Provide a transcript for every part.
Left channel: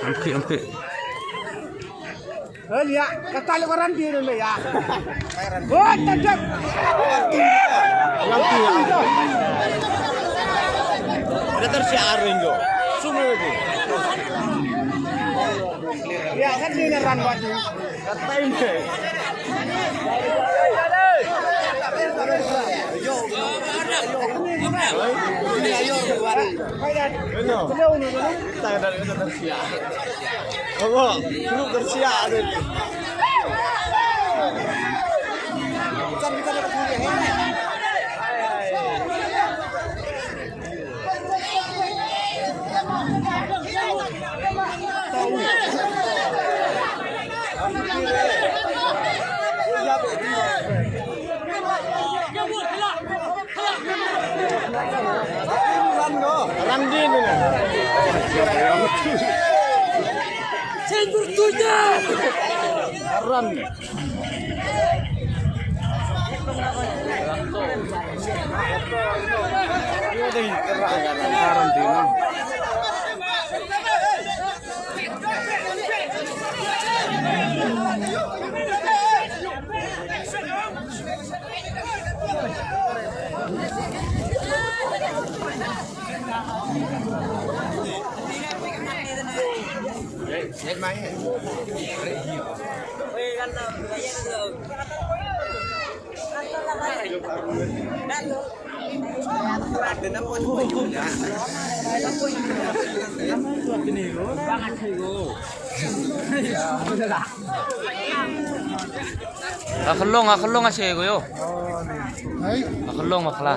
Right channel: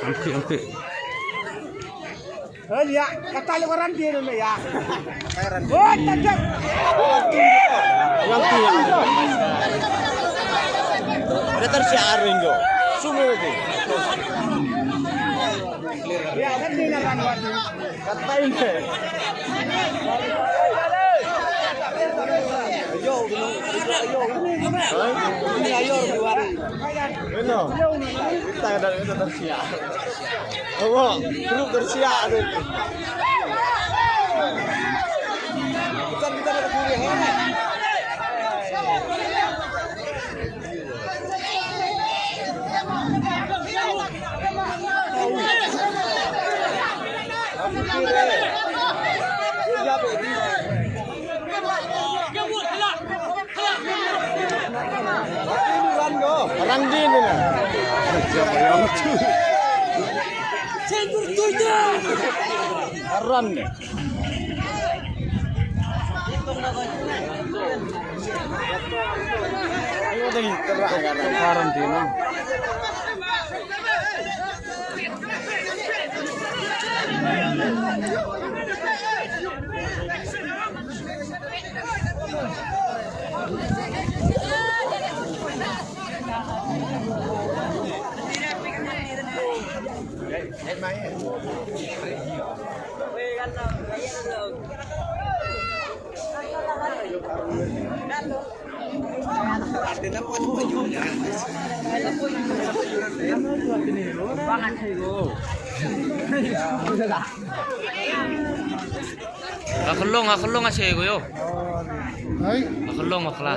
Ampi. Lihat, kata orang dia dulu ya. Oh, tajam. Ada tersiar jo. Semua itu. Ya, kan dia lawan waktu. Kata ini. Kita ada itu tersiar. Oh, perlu tersiar. Rangin ini. Haram nih. Karantina. Akalong aja gue yo. Akalong makla.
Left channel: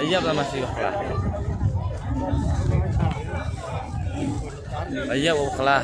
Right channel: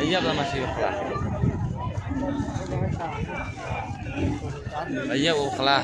Ayah apa masih makla? Ayah makla.